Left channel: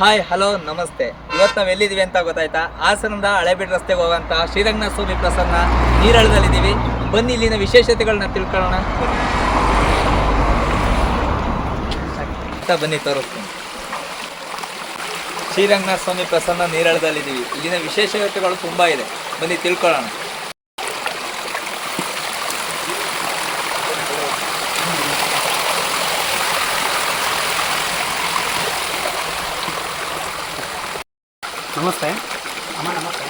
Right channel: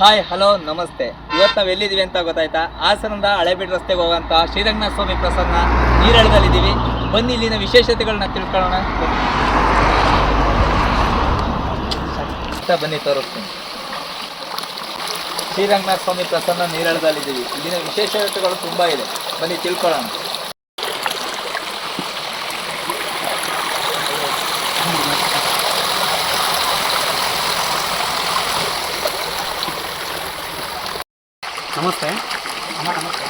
Hi hello ನಮಸ್ತೆ. ಇವತ್ತು ನಾವು ಎಲ್ಲಿದ್ದೀವಿ ಅಂತ ಗೊತ್ತಾಯ್ತಾ? ಹಾಸನದ ಹಳೇಬೀಡು ರಸ್ತೆಗೆ ಹೋಗುವಂಥ ಶ್ರೀರಂಗನಾಥ ಸ್ವಾಮಿ ಪ್ರಸನ್ನ ನೀರಳದಲ್ಲಿದ್ದೀವಿ. ಬನ್ನಿ ಇಲ್ಲಿನ ವಿಶೇಷತೆಗಳನ್ನ ತಿಳ್ಕೊಳ್ಳೋಣ. ಬನ್ನಿ ತೋರಿಸ್ತೀನಿ. ಶ್ರೀರಂಗನಾಥ ಸ್ವಾಮಿ ಪ್ರಸನ್ನ ನೀರಳದಲ್ಲಿದ್ದೀವಿ. ಇಲ್ಲಿನ ವಿಶೇಷತೆಗಳು ತುಂಬ ಇದೆ, ಬನ್ನಿ ತಿಳ್ಕೊಳ್ಳೋಣ. ನಮಸ್ತೆ ಅಮ್ಮ. ನಮಸ್ತೆ.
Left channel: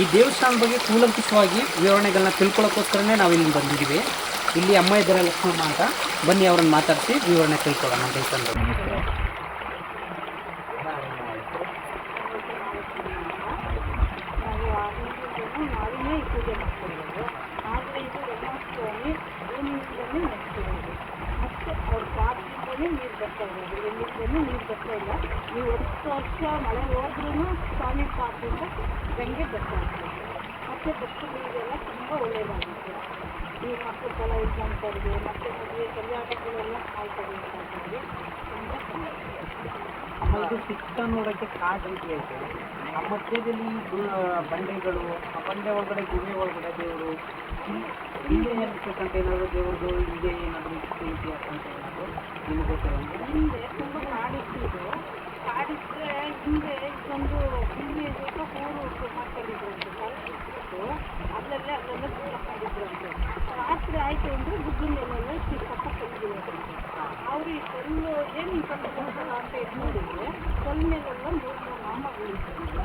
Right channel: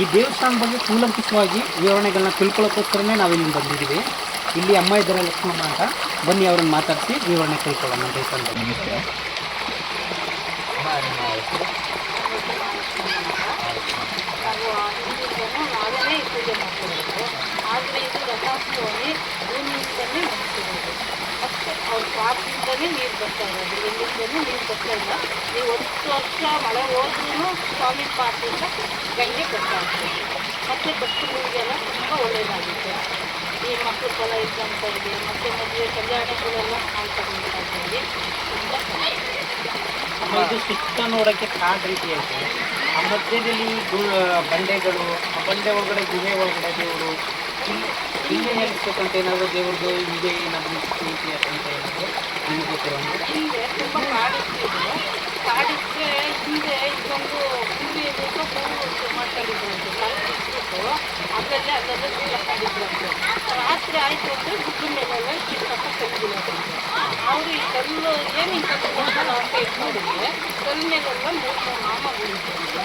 ಈ ದೇವಸ್ಥಾನದ ಬಗ್ಗೆ ಕೂಲಂಕುಷವಾಗಿ ವಿವರಣೆಗಳನ್ನ ತಿಳ್ಕೊಳ್ಳೋಕ್ಕೋಸ್ಕರನೇ ನಾವು ಇಲ್ಲಿ ಬಂದಿದ್ದೀವಿ. ಇಲ್ಲಿ ಅಮ್ಮ ಇದ್ದಾರೆ, ಲಕ್ಷ್ಮಮ್ಮ ಅಂತ. ಬನ್ನಿ ಅವ್ರನ್ನ ಮಾತಾಡಿಸಿ ವಿವರಣೆ ತಿಳ್ಕೊಳ್ಳೋಣ ದೇವಸ್ಥಾನದ. ನಮಸ್ತೆ. ನಾವೇನೇ ಪೂಜೆ ಮಾಡ್ತಿರೋದು, ಆದರೆ ಇದು ರಂಗನಾಥ ಸ್ವಾಮಿ ಭೂಮಿಯಿಂದಲೇ ನಡೆಸಿರೋದು. ಮತ್ತು ಅವ್ರ ಪಾಪದಿಂದಲೇ ನೀರು ಬರ್ತಾ ಇರೋದು, ಎಲ್ಲಿಂದಲೂ ನೀರು ಬರ್ತಾ ಇಲ್ಲ. ನೀವು 10 ವರ್ಷ ಮಳೆ ಹೋದ್ರೂ ಸ್ವಾಮಿ ಪಾಪದಿಂದ ಗಂಗೆ ಬರ್ತಾ ಇರ್ತದೆ. ಮತ್ತು ಭಕ್ತರಿಗೆಲ್ಲ ತುಂಬ ಒಳ್ಳೆಯದಾಗುತ್ತೆ. ಈ ಮಕ್ಕಳ ಫಲ ಇದ್ದಂಥವ್ರಿಗೆ ಮತ್ತು ಮದುವೆ ಕಲ್ಯಾಣಗಳೆಲ್ಲ ಆಯ್ತಾಗಿ ತುಂಬ ಚೆನ್ನಾಗಿದೆ. ಇದು ಸುತ್ತ ನೋಡೋಕ್ಕೆ ಕಾಡು ರೀತಿ ಐತೆ. ಆ ಮಧ್ಯದಲ್ಲಿ ಬಂಡೆಗಳು, ಆ ಬಂಡೆ ಒಳಗಡೆ ಗುಹೆ ಒಳಗಡೆ ದೇವರು ಹಿಂದೆ ಏನಿಸ್ಬೇಕಂತ ಏನಾದರೂ ದೇವ್ರದ್ದು ಹಿಂದೆ ಏನಾದರೂ ಇತಿಹಾಸ ಅಂತ ಏನಾದರೂ ನಿಮಗೆ ಗೊತ್ತಿರೋ ಹಿಂದೆ ತುಂಬ ಕಾಡಿತ್ತು. ಕಾಡಿದ್ರೆ ಹಿಂದೆ ಇದೊಂದು ಹುಲ್ಲು ಇರಬೇಕು, ಹೂವು ಮಾಡ್ಕೊಂಡಿದ್ರಂತೆ. ಕಲ್ಪಿಸ್ಬಿಟ್ಟು ಅಲ್ಲೆಲ್ಲ ಸಿಕ್ಕೊಂಡಿದ್ರಂತೆ. ರಾತ್ರಿ ಆಯಿತು ಅಂದರೆ ಗುಡ್ಡ ಮೇಲೆಲ್ಲ ಚಿಕ್ಕಪ್ಪ ಕಲ್ಬಿಡೋದಂತೆ. ಅವರು ಈ ಕಲ್ಲು ಏನು ಈ ಕಲ್ಲು ಕೊಡ್ತಾರ ಅಂತ ಇದು ನೋಡಿದ್ರೆ ಕಲ್ಲು ಮೇಲೆಲ್ಲ 3 ನಾಮಗಳಿದ್ದಂತೆ.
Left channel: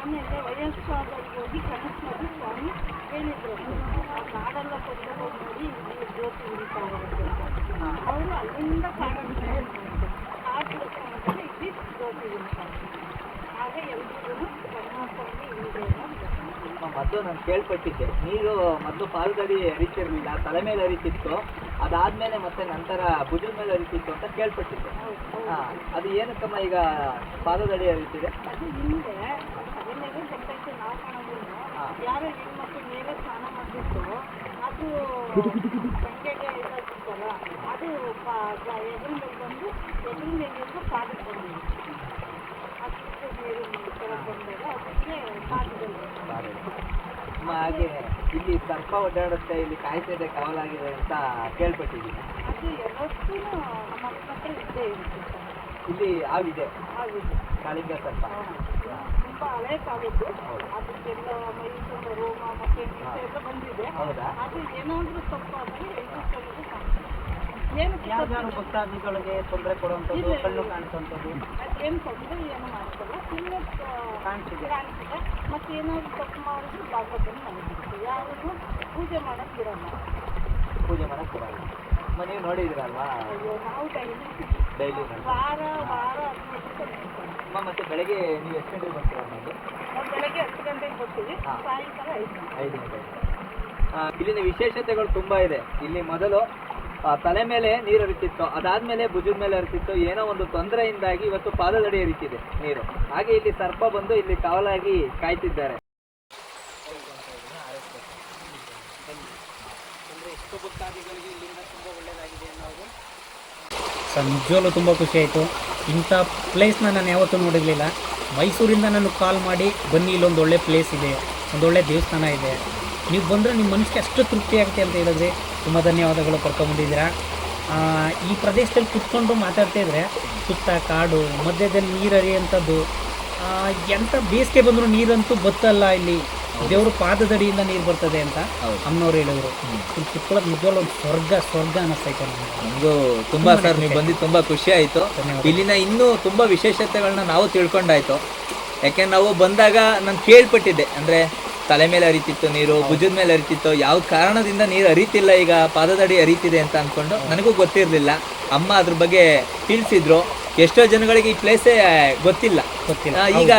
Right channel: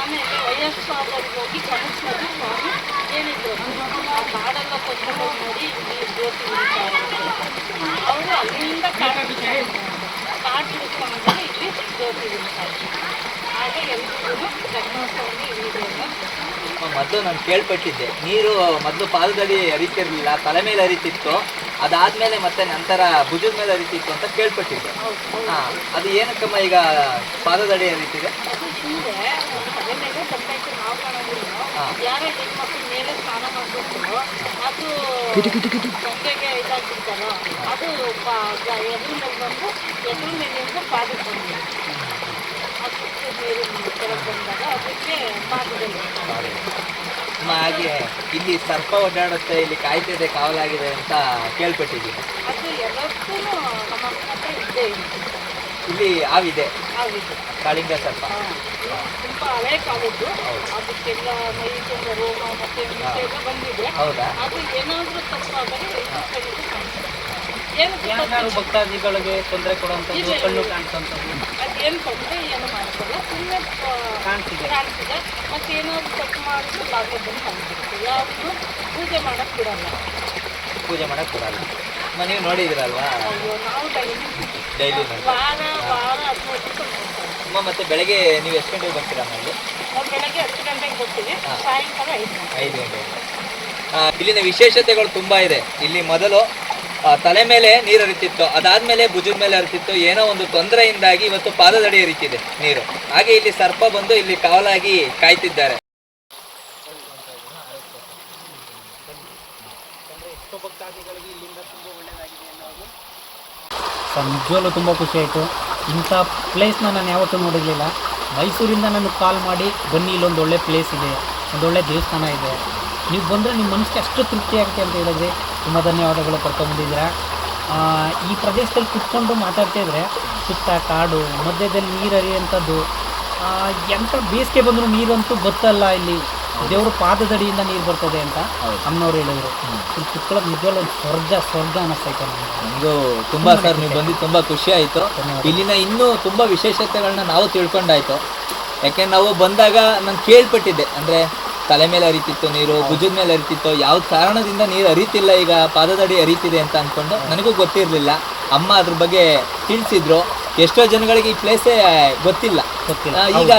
ಆಮೇಲೆ ವಯಸ್ಸಾದವ್ರಿಗೆ ಹೋಗಿ ಕನಸಿನಲ್ಲಿ ಸ್ವಾಮಿ ಏನಿದ್ರು ಆ ಕಾಡೆಲ್ಲ ಕೊಂಡ್ಕೊಂಡು ನೋಡಿ ಇಲ್ಲಿ ಜ್ಯೋತಿ ಉಳಿತಾ ಇರುತ್ತೆ. ಅವರು ಅಲ್ಲಿಂದ ಕಾಡು ಬಿಡಿಸ್ಕೊಂಡ್ರೆ ಇಲ್ಲಿ ಜ್ಯೋತಿ ಉಳಿತಾ ಇದ್ದಾರೆ. ಹಾಗೆ ಎಲ್ರಿಗೂ ರಂಗನಾಥಸ್ವಾಮಿ ಇಲ್ಲಿದೆ. ಮೊದಲು ನಾನು ಕೇಳ್ಪಟ್ಟಿದ್ದೆ, ನೀರು ಮೊದಲು ಪಾದದಲ್ಲಿ ಹರಿತಿರ್ಲಿಲ್ಲ, ತಲೆ ಮೇಲೆ ಹರಿತಿತ್ತು. ಅದಾದ್ಮೇಲೆ ಮತ್ತೆ ನಂತರ ಭುಜದ ಮೇಲೆ ಹರಿತಿತ್ತು ಅಂತ ಕೇಳ್ಪಟ್ಟಿದ್ದೆ. ಅದು ಏನಕ್ಕಮ್ಮ ಈಗ ಪಾದದಡಿ ಹರಿತಿದೆ? ಅದು ಹಿಂದೆ ತಲೆ ಮೇಲೆ ತಪ್ಪೈತೆ, ನಾವು ಕಾಣೋದಿಲ್ಲ. ಯಾರೋ ಹೆಣ್ಮಕ್ಳ ಮೇಲೆ ಸ್ನಾನ ಮಾಡಿಬಿಟ್ಟು ಅದು ಗಂಗೆಗೆ ಇದಾಗ್ಬಿಡ್ತಾರೋ ಅದು ಎದುರು ಮೇಲೆ ಬಂದು ಎದುರು ಮೇಲಿಂದ ಪಾದಕ್ಕೆ ಬಂದಿದೆ. ಅದಕ್ಕೆ ನೀರು ಕೆಳಗೆ ಬಂದಾಗ ಅದಕ್ಕೆ ಪಾದದಲ್ಲಿ ಹಾಗೆ ಇಲ್ಲಿ ಸರ್ಪ ಓಡಾಡುತ್ತೆ, ಇಲ್ಲಿ ಕಾಯ್ತಿದೆ, ಕಾವಲಾಗಿದೆ ಅಂತ ಕೇಳ್ಪಟ್ಟಿದ್ದೀನಿ. ಅದು ಎಲ್ಲಕ್ಕೂ ನಮ್ಮ ಹತ್ರ ಇದ್ದೇ ಇರುತ್ತೆ. ಇಲ್ಲಿ ಹಾವಿದೆ, ಹಾವಿದೆ, ಕಾಳಿಂಗ ಸರ್ಪ. ತುಂಬ ಹಳೆ ಕಾಲದ್ದು. ಅದಕ್ಕೆಲ್ಲ ಮೈ ತುಂಬ ರೋಮ ಮತ್ತೆ ಎಲ್ಲ ಬಂದಿದೆ. ಹೌದಾ? ಅದು ಏನಾದರೂ ತಪ್ಪಾದರೆ ಯಾರು ಭಕ್ತಾದಿಗಳಿಗೆ ತೊಂದರೆ ಕೊಡುವಂಥದ್ದು, ಕಣ್ಣು ಕಾಣಿಸುವಂಥದ್ದು ಅದೇನು ತೊಂದರೆ ಏನು ಮಾಡ್ತಿಲ್ಲ, ಸುಮ್ಮನೆ ಕಾಣಿಸಿದೆ. ಮತ್ತು ಏನಾದರೂ ತಪ್ಪು ಮಾಡಿದ್ರೆ ಬಾಗಿಲು ಬಂದು ಬಂದ್ಬಿಡುತ್ತೆ. ಯಾವುದು ಪೂಜೆ ಮಾಡೋಕ್ಕೆ ಬಿಡಲ್ಲ. ನೀವು ನೋಡಿದಿರಲ್ವಾ? ಅಯ್ಯೋ, ನಾವು ಡೈಲಿ ವಾರ 15 ಮತ್ತೆ ಬೆಳಗ್ಗೆ ನೀವು ಎಷ್ಟು ಗಂಟೆಗೆ ಬರ್ತೀರಾ? ನಮಗೆ ನಾವು ಬೆಳಗ್ಗೆ 10 ಗಂಟೆಗೆ ಬರ್ತೀವಿ, ಸಾಯಂಕಾಲ 5 ಗಂಟೆ. ಇಲ್ಲಿನ ವಿಶೇಷತೆಗಳು ತುಂಬ ಇದೆ. ಇಲ್ಲಿ ಮೊದಲು ತಲೆ ಮೇಲೆ ನೀರು ಹರಿತಿತ್ತು, ಅದಾದ್ಮೇಲೆ ಭುಜದ ಮೇಲೆ ಹರಿತಿತ್ತು. ಏನೋ ಒಂದು ತೊಂದರೆಯಿಂದಾಗಿ ಇವತ್ತು ಪಾದದಡಿ ಹರಿತಿದೆ ನೀರು. ಹಾಗೆ ಇಲ್ಲಿ ಸರ್ಪ ಬಂದು ಇಲ್ಲಿ ಕಾವಲಾಗಿ ಕಾಯ್ತಿದ್ದಾರೆ. ಸರ್, ನಿಜವಾಗ್ಲೂ ತುಂಬ ಖುಷಿ ಆಯಿತು. ಇಂಥ ಪ್ಲೇಸ್ನ ನಾನು ಯಾವತ್ತೂ ನೋಡಿರಲಿಲ್ಲ. ಮೈಸೂರಿಂದ ನನಗೆ ಕಾಲ್ ಮಾಡಿ, ಬನ್ನಿ ಇಲ್ಲೊಂದು ಒಳ್ಳೆ ಪ್ಲೇಸ್ ಇದೆ, ಒಂದೊಳ್ಳೆ ದೇವಸ್ಥಾನ ಇದೆ, ನೀವು ಬಂದರೆ ನಿಮ್ಮ ಮನಸ್ಸಿಗೆ ಅಷ್ಟು ತೃಪ್ತಿ ಆಗುತ್ತೆ ಅಂತ ಹೇಳಿದ್ರೆ ತುಂಬ ಧನ್ಯವಾದಗಳು. ಕರ್ಕೊಂಬಂದಿದ್ದೀರಾ. ಈ ಪ್ರದೇಶದಲ್ಲಿ ಕುತ್ಕೊಂಡು ಮಾತಾಡ್ತಾ ಇದ್ದರೆ ಸುತ್ತ ಕಾಡು, ಮಧ್ಯದಲ್ಲಿ ನೀರು ಹರಿಯುವಂಥದ್ದು, ಎಂಥ ಬೇಸಿಗೆ ಬಂದರೂ ನೀರಂತೂ ಬತ್ತಲ್ಲ. ಇಲ್ಲಿ ದೇವರು ಪಾದದಡಿಯಿಂದ ನೀರು ಬರ್ತದೆ ಅಂತ ಅಮ್ಮನವ್ರು ಹೇಳಿದ್ರು. ಇಲ್ಲಿ ಕುತ್ಕೊಳ್ಳೋದು ನಿಜವಾಗ್ಲೂ ಒಂದು ಸ್ವರ್ಗ ಅನ್ನಿಸ್ತೈತೆ ನಮಗೂ. ತುಂಬ ಸರ್, ನೀವು ಬಂದಿದ್ದು ತುಂಬ ಖುಷಿ ಆಯಿತು. ಇಲ್ಲಿನ ಇನ್ನೂ ತುಂಬ ವಿಶೇಷತೆಗಳನ್ನ ನಾವು ತಿಳ್ಕೊಂಡಾಯ್ತು. ಯಾಕೆಂದ್ರೆ ನಾವು ಬಂದಾಗ ನಾನು ಕೇಳ್ಪಟ್ಟಿದ್ದೆ, ಅಂದರೆ ತಲೆ ಮೇಲೆ ಹರಿತಿತ್ತು ನೀರು, ಭುಜದ ಮೇಲೆ ಹರಿತಿತ್ತು, ಯಾವ ಕಾರಣದಿಂದ ನೀರು ಹರಿತಿಲ್ಲ, ಈಗ ಪಾದದಡಿ ಹರಿತಿದೆ ಅಂತ ಅಂದ್ಕೊಂಡು ನನಗೂ ಗೊತ್ತಿರಲಿಲ್ಲ. ಅಮ್ಮ ಅದ್ರ ಬಗ್ಗೆ ತಿಳಿಸಿದ್ರು. ಎಷ್ಟೋ ಜನಗಳಿಗೆ ಈ ಪ್ಲೇಸೇ ಗೊತ್ತಿಲ್ಲ. ಈಗ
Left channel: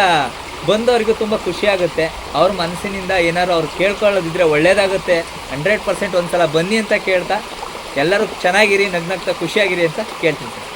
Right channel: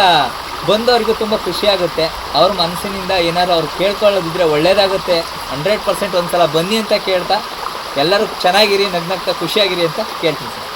ಬಂದವರಿಗೂ ತುಂಬ ಖುಷಿ ಆಗುತ್ತೆ. ಅವ್ರ ಮನಸ್ಸಿನಿಂದ ಏನಾದ್ರು ಅವ್ರು ಕೇಳ್ಕೊಳ್ಳೋದಿದ್ರೆ ಒಳ್ಳೇದಾಗುತ್ತೆ. 100% ಒಂದ್ಸಲ ಬನ್ನಿ ಅಂತ ಕೇಳ್ತಾ, ಎಲ್ಲರೂ ಚೆನ್ನಾಗಿರಿ, ನಗ್ನಗ್ತಾ ಖುಷಿಯಾಗಿರಿ ಅಂತ ಕೇಳ್ತೀನಿ ಸರ್.